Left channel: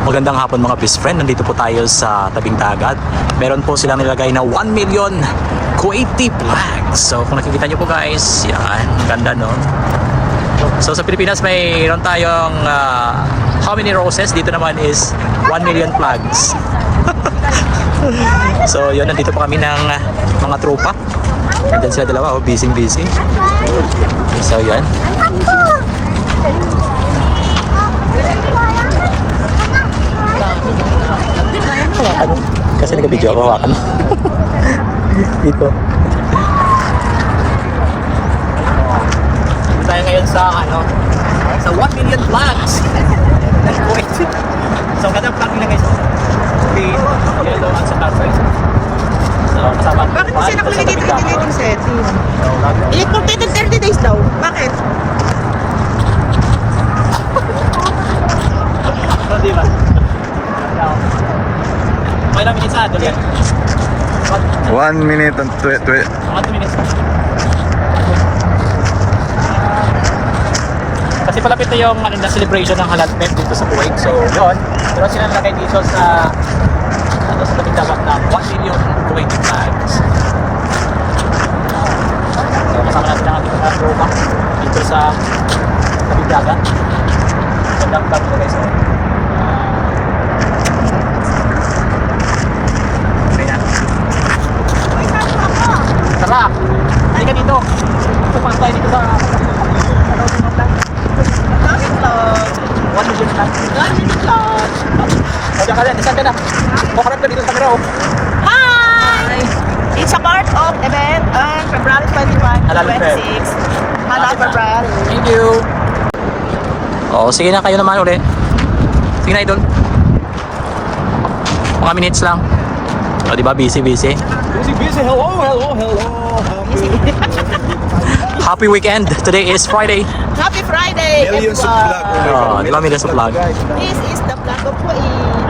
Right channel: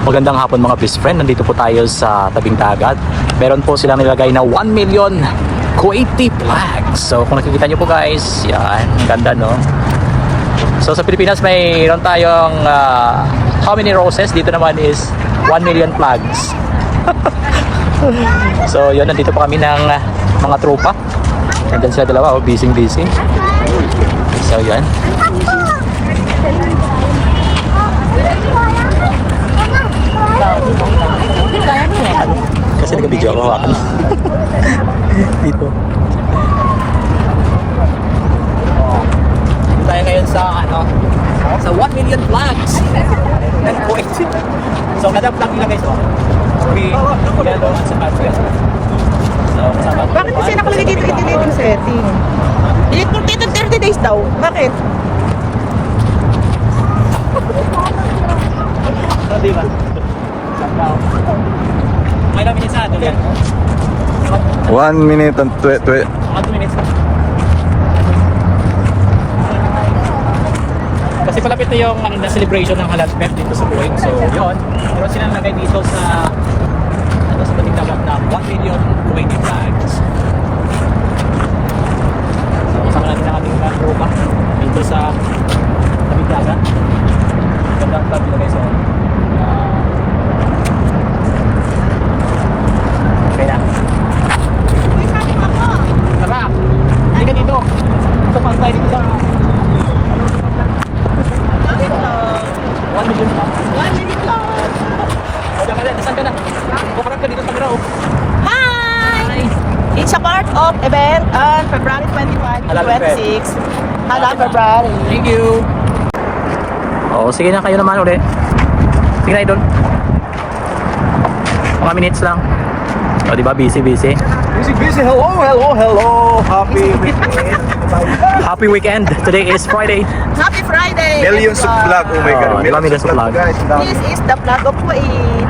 Magandang hapon mga best friend. Nandito po tayo sa tabing dagat. Meron po silang nilagay na 1 million Kuwaiti flags. So kung nakikita nyo po guys, yan, ang ganda no. So sa Pilipinas mayroon tayong how many roses? Dito naman is 1 million flags. So yun, nandito pa kami ng mga tropa. Nandiyan sila dalawa, oh, busy. So yan. Kasi nag-video ako, hawakan. Dito. Oh. Dito tayo ngayon sa sa 1 million flags. Yan po. So kada flag nila guys, green, yellow at saka red. So kasama. Bakit kasi nakalagay dito yung setting? Eh, completed 30 days daw. Bakit? So di ba? Daw. May lang minutes ato lang. 1 minute and 2 2 minutes na. Kasi palapit na yung na celebration ng Halal Fest dito sa Kuwait. So, yun. Pero sila nalagay dito sa sa tabing dagat na 1 million Kuwaiti flags. So, kasama natin ang ating tropa dito sa tabing dagat. Magandang flag nila guys. Okay na. Tara! Hindi ka dito. Pupunta tayo dito sa 1 million flags. 1 million flags. O, diyan ka rin. Saan ka na? Kukarap ka dito sa camera, oh. Hi! It's a part of event on February 25 to Halal Fest. 26. Halal February. Thank you. Oo, sige na, kayo naman ulit. Sige na, idol. Mga minutes lang. O, diba? Busy. Busy. Hello. Happy weekend. Today is Friday. Happy Friday! Millions of everyone. flag. Oh my God. Diba millions of flag? Guys, This is the flag of Kuwait.